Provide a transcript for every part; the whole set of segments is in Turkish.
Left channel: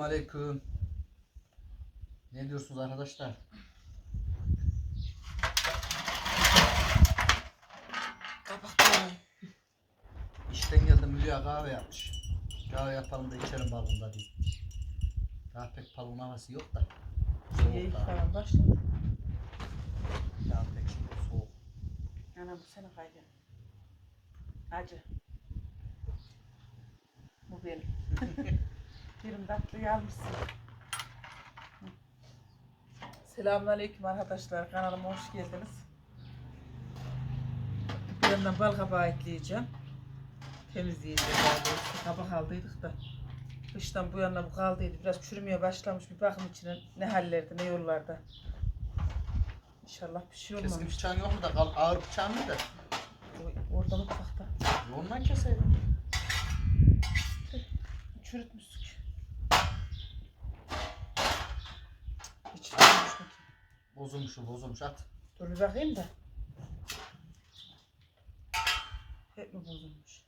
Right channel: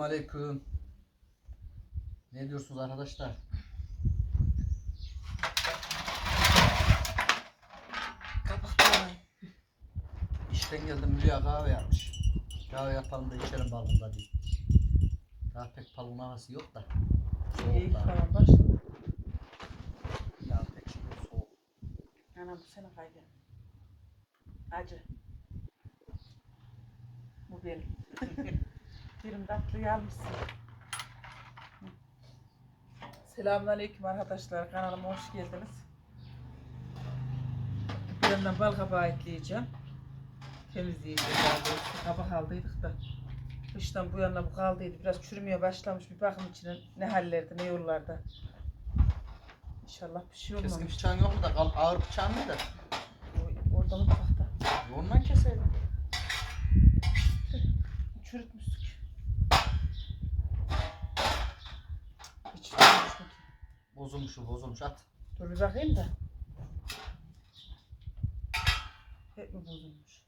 Aleyküm. Ne diyorsunuz arkadaşlar? İşten geldim Hülya kahve yapmış. Kahve yapalım da içelim balkonda diye. Daha pek balkon havası yok da. İyi Soğuk da. Daha pek şey yok soğuk. Anam bu sene kaydı. Acı. Bu benim. Birim tatlıyı almışsın. Selamünaleyküm arkadaşlar. Kanalıma hoş geldiniz. Bir yandan bal kabağı ekleyeceğim. İşte kabak aldıydık da. Kıştan bu yana bu kaldıydı. Biraz çürümeye başlamış. Bir bakım içine ne hallerde ne yollarda. İnşallah bir şey Keskin olmamış. bıçağın yok mu da kal- ağır bıçağın mı da? O- Orada mutfakta. Ondan keselim. Çürütmüştük. Hiç çürütmüş mü ki? Bozulmuş o bozulmuş at. Dur bir bakayım da. Hep mi bozulmuş?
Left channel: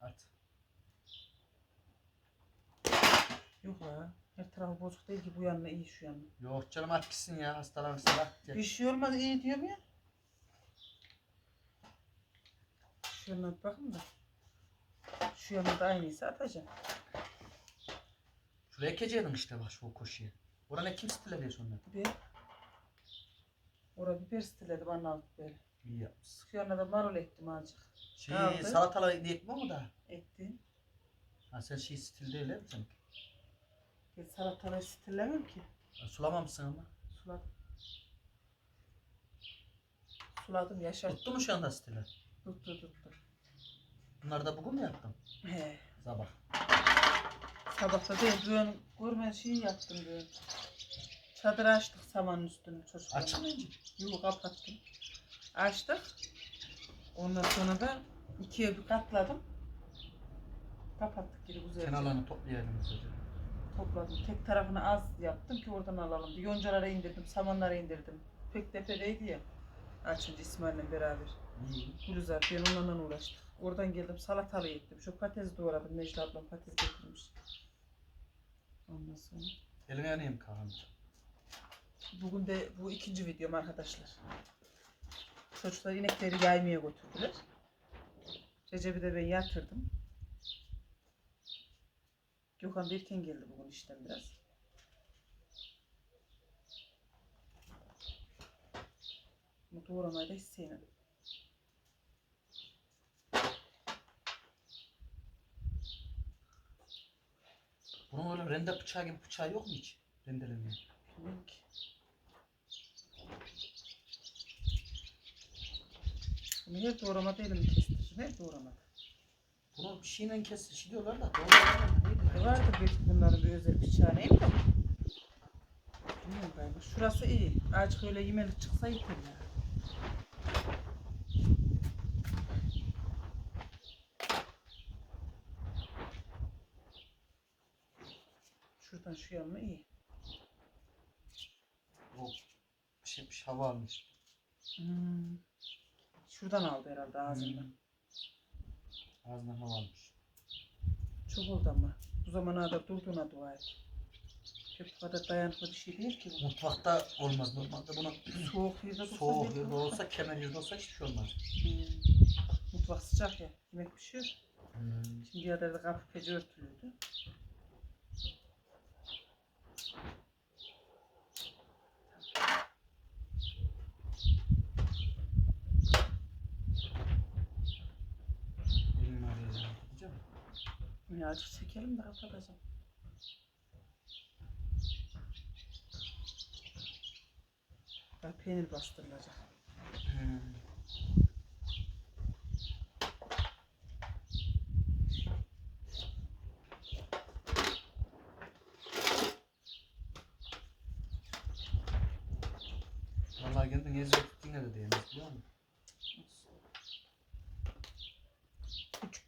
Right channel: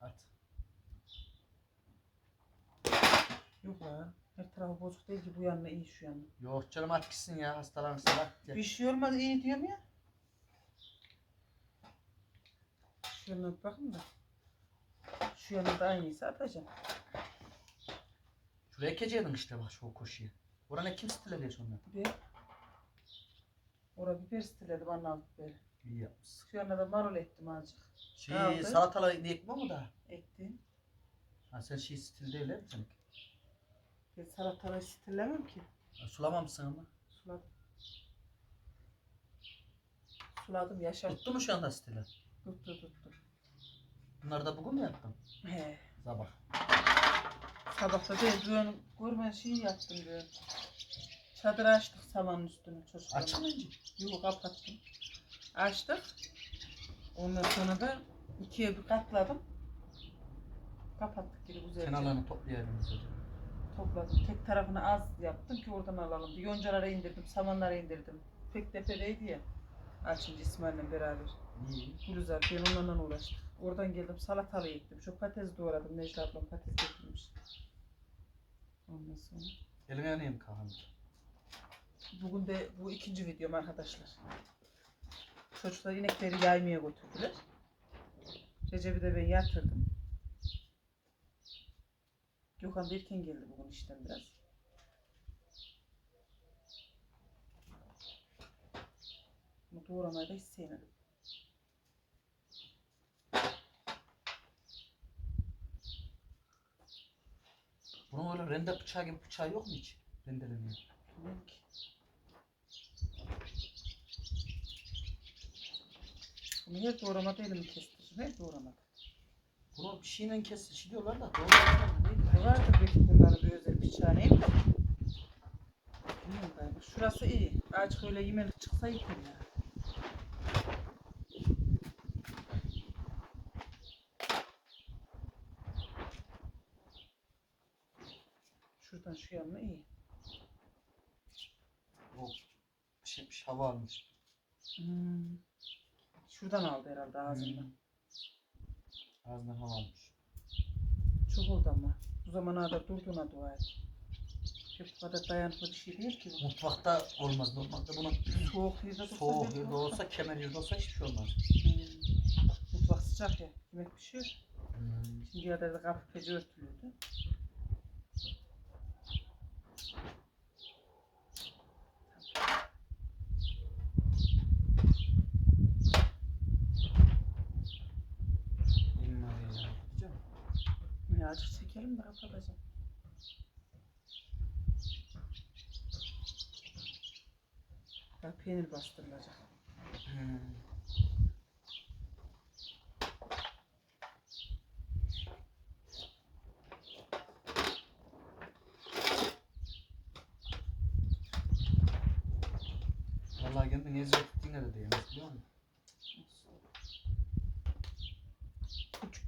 At. Yok la. Her tarafı bozuk değil ki bu yanına iyi şu yanına. Yok canım at gitsin ya hastalanırsa at. Bir şey olmaz iyi diyorum ya. Şu yanına bir bakın da. Şu yanına da aynıysa atacağım. Şuraya ekeceydin işte bak şu koşuyu. Orana kim stiledi sonra? Bir. Orada biber bana aldı böyle. İyi yapmışsın. Şu yanına da marul ektim azıcık. Şey Aldı. salatalı ekmek mi da? Ektim. Ha sen şey stil değil mi seninki? Ben salatalığı stillemem ki. Ha, Sulamamışsın ama. Suladım. Suladım yaşar. Tuttu mu şu anda stili? Tuttu tuttu. Bunları da bugün mü yaptın? He. Sabah. Sabahta değil düğün görme şeyi yaptım düğün. Çadır açtık samanın üstünü çocuklarla. Açık mı ince? Yok kapattım. Açtık. Ondan sonra da ikiye bir katladım. Kapattık geri güzelce. Kenarlarını toplayalım güzelce. Topladım. Tek tarafını az yaptım ki oradan alalım. Bir yoncalara indirdim, samanlara indirdim. Pek tepedeydi ya. Açınca İsmail'le beraber. İyi. Gülüzar ben onunla uğraştık. Oradan geldim salatalı ektim. Şu patates doğradım. Necla ablam patates getirmiş. Ondan sonra. Eline yanayım Kaan. Bugün de bu ikinci videom arkadaşlar. Çocuklar inekleri yaymaya götürdüler. Recep'i de ben yatırdım. Gökhan da erken geldi bugün işten biraz. Ama doğramayı da hiç sevmedim. Bunun öyle rende bıçağı gibi bıçağı yok mu hiç? Rendelemiyor. Bilmiyorum ki. Bunu her doğramada elimi kestiririm. Her doğramada. Bunu bir şeyle kes diyorlar da doğru mu? Neydi? Vardır belki bunların bir özel bıçağı neyim de. Bilmiyorum ben. Şurası iyi. Azıcık öyle yemelik çıksa yeter ya. Şuradan şu yanına iyi. O şeymiş hava almış. Hmm. Şuradan aldı herhalde ağzından. Hmm. Ağzından hava almış. Çok oldu ama. Bu zamana kadar durduğuna dua et. Hep bu kadar dayanıklı bir şey değil ki bu. Mutfakta olmaz. Normalde bunun Soğuk yerde dursa soğuk yerde olsa. olsa, kemer yerde olsa hiçbir şey olmaz. Hmm. Mutfak sıcak ya. Yemek pişiyor. Hmm. Şimdi ya da kapı pece örtülüydü. Elim var ya. Gideceğim. Ya azıcık çekelim de kapatacağım. Bak peynir bastırılacak. Hmm. Vallahi kendin eziyet ettiğine de değmez biliyor musun?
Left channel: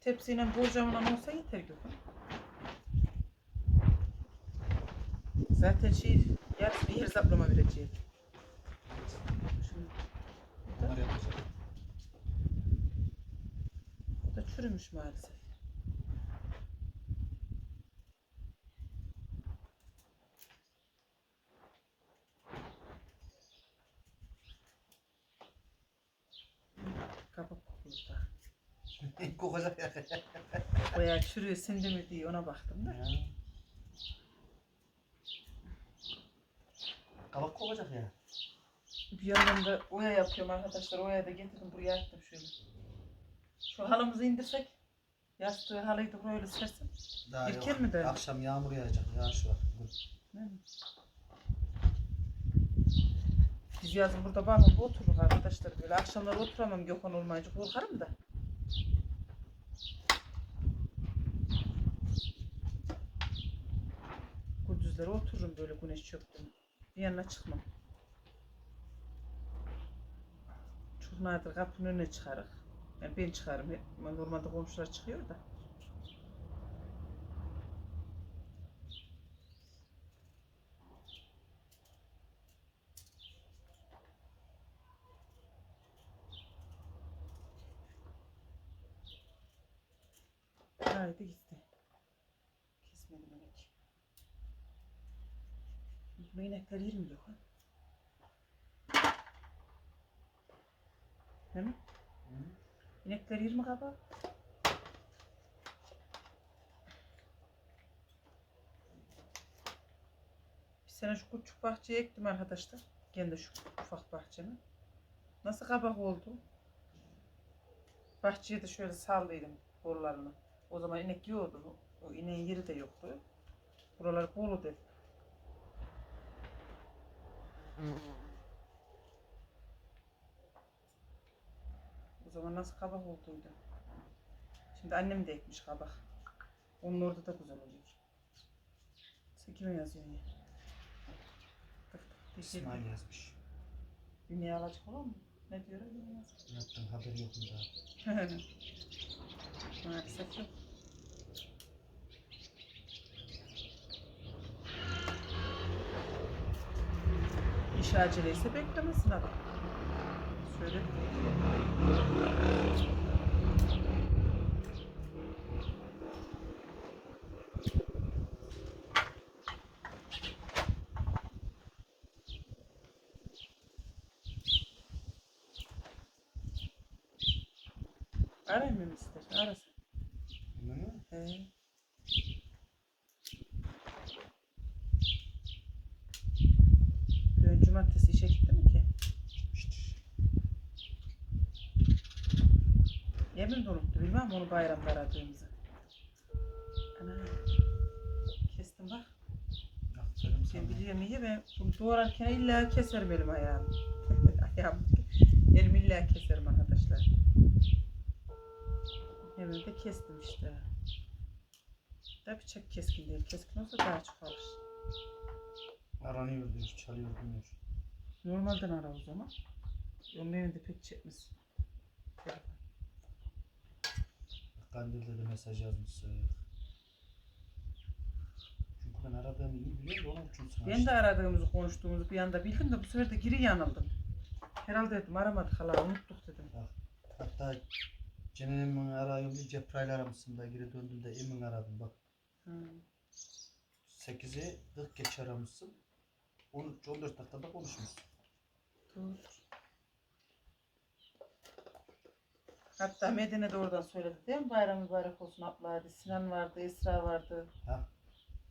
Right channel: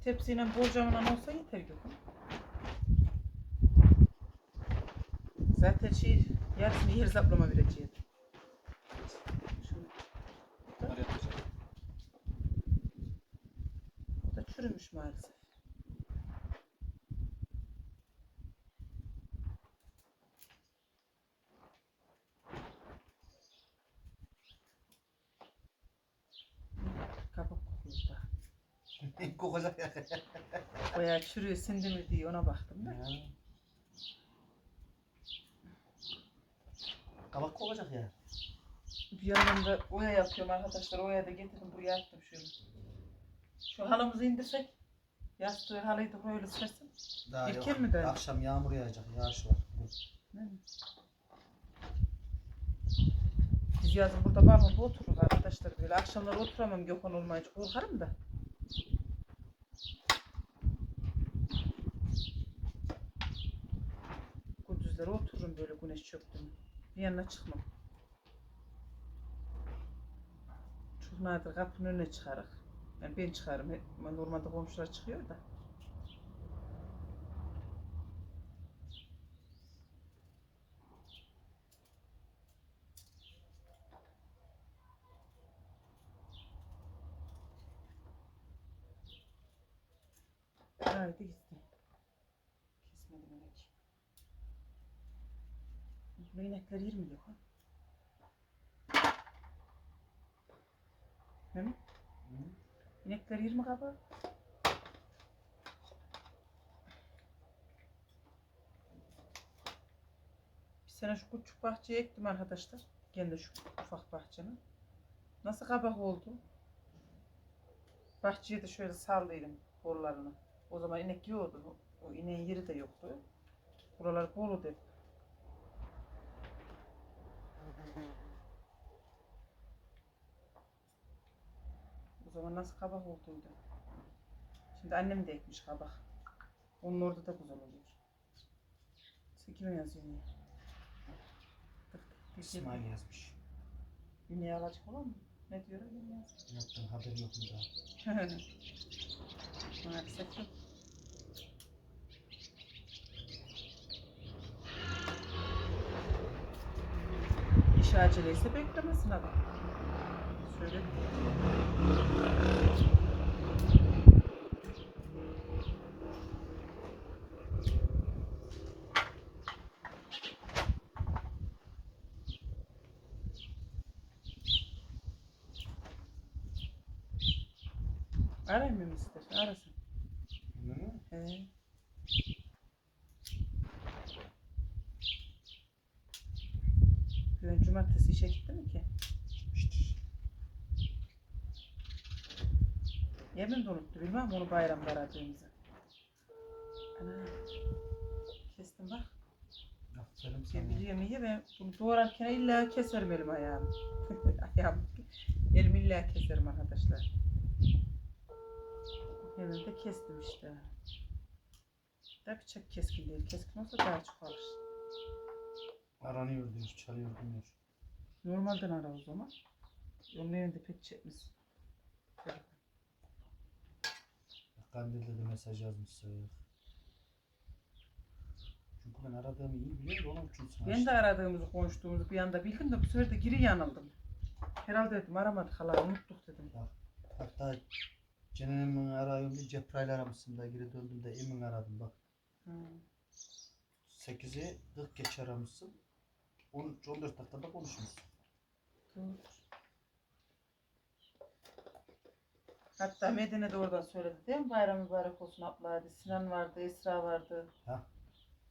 tepsiyle borcamla olsa yeter Gökhan. Zaten şey yarısını yer zaplama vereceğim. Bunlar yapacak. Bu da çürümüş maalesef. Kabuk kokuyor da. Kokacak ya. Bayağı çürüyor sindi mi diye ona baktım da. Ya. Kabak kokacak ya. Bir yandan da oya yapıyorum arkadaşlar. Oya da getirdim buraya attım şöyle. Şu halımızı indirsek. Yastığı halıyı da böyle sersin. Daha Erken yok. mi döndü? Akşam yağmur yağacak. Yağış var. bugün. Mi? Biz yazın burada balkonda otururuz arkadaşlar böyle. Akşamları oturamam Gökhan olmayınca korkarım da. Gündüzleri otururum böyle güneş çöktü mü. Bir yanına çıkmam. Çok nadir kapının önüne çıkarık. Yani ben çıkarım. Normalde komşular çıkıyor da. Haydi gitti. Kesmedim inek. Bu inekler yer mi yok ha? Değil mi? Hı? İnekler yer mi kaba? Bir sene şu küçük bahçeye ektim arkadaşlar. Kendi şu ufak bahçemi. Nasıl kabak oldu? Bahçeye de şöyle sallıyordum kollarını. O zaman inek yiyordu. O- ineğin yeri de yoktu. Buralar bolu dedi. O zaman nasıl kabak olduydu. Şimdi annem de ekmiş kabak. Onun orada da güzel oluyor. Sen kime yazıyorsun ya? İsmail yazmış. Ünlüğe alacak olan mı? Ne diyor mi yazıyor? Yaptığın haber yok mu daha? Maalesef yok. İş aceleyse beklemesin adam. Söyle. Arayayım mı ister? Arasın. He. Dün cumartesi işe gitti mi ki? Yemin de unuttu bilmem onu bayramda aradığımızı. Ana. Kestim bak. Aferin sana. biliyorum iyi ben bunu doğrarken illa keserim elim ayağımı. Ayağımı. Elim illa keserim arkadaşlar. Hemen de kestim işte. Da bıçak keskin değil. Keskin olsa daha çok alır. Aranıyor diyor, çalıyor demiyor. Normalden ara o zaman. Onun evinde pek çekmiş. Kandil'de de mesaj yazmışsın. Çünkü ben aradığımı iyi biliyorum onun için sana Ben de aradığımızı konuştuğumuzu bir anda bildim de bu sefer de geri yanıldım. Herhalde dedim aramadık hala unuttuk dedim. Hatta Cenenem'in arayayım diye Cebrail aramışsın da geri döndüm de Emin aradım bak. Hı. 8'i 40 geç aramışsın. 13-14 dakikada konuşmuşsun. Dur. Hatta Medine de oradan söyledi değil mi? Bayram mübarek olsun abla hadi. Sinan vardı, Esra vardı. Ha?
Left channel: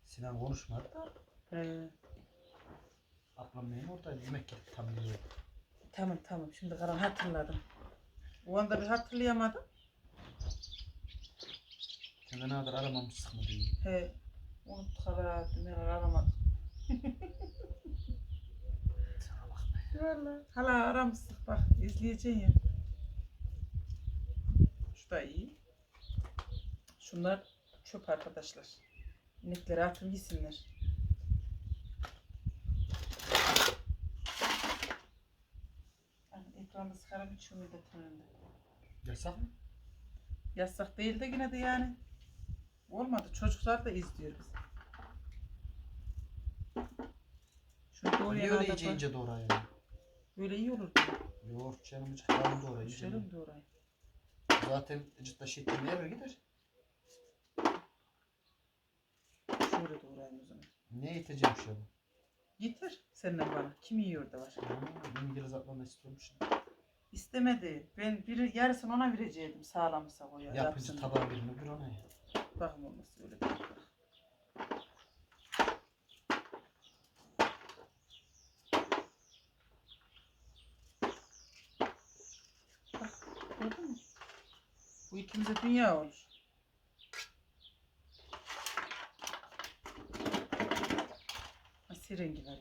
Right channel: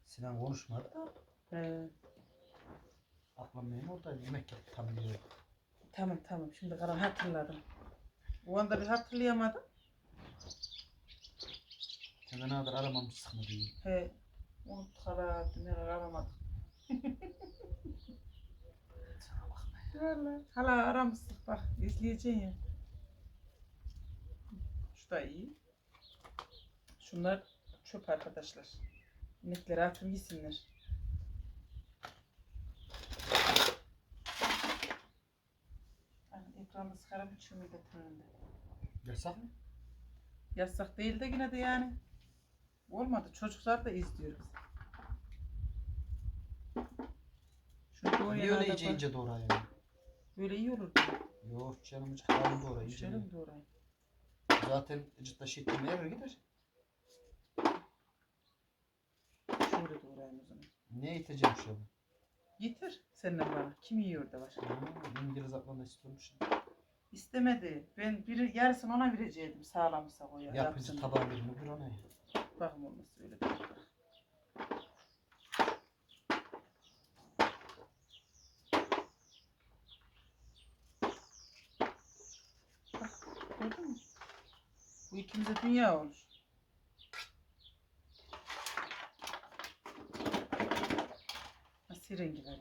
Sinan konuşmadı da He. ablam benim oradaydı. Yemek yedik tam biliyorum. Tamam tamam şimdi karan hatırladım. O anda bir hatırlayamadım. Kendine kadar aramamışsın mı diye. He. Unuttuk hala neler aramadık. Sana bak be. Valla. Hala aramıştık bak izleyeceksin ya. Şu da iyi. Şunlar çöp arkadaşlar. İnekleri atın. Hani ekranda sigara içiyor milletin önünde. Yasak mı? Yasak değil de yine de yani. Olmadı. Çocuklar da izliyor bizi. Doğru Niye öyle ince doğra yani? Böyle iyi olur. Yoğurt canım hiç kalın doğra iyice. Şöyle mi doğrayayım? Zaten cidden şittin nereye gider? Şöyle doğrayayım o zaman. Ne iteceğim şu an? Getir senden bana. Kim yiyor da var. Ha, İngiliz da istiyormuş. İstemedi. Ben bir yarısını ona verecektim sağlamsa o ya. Yapıcı tabağı birini bir ona ya. Bakın olması öyle değil. Bak gördün mü? Bu ikimize dünya olur. Nasıl rengi var.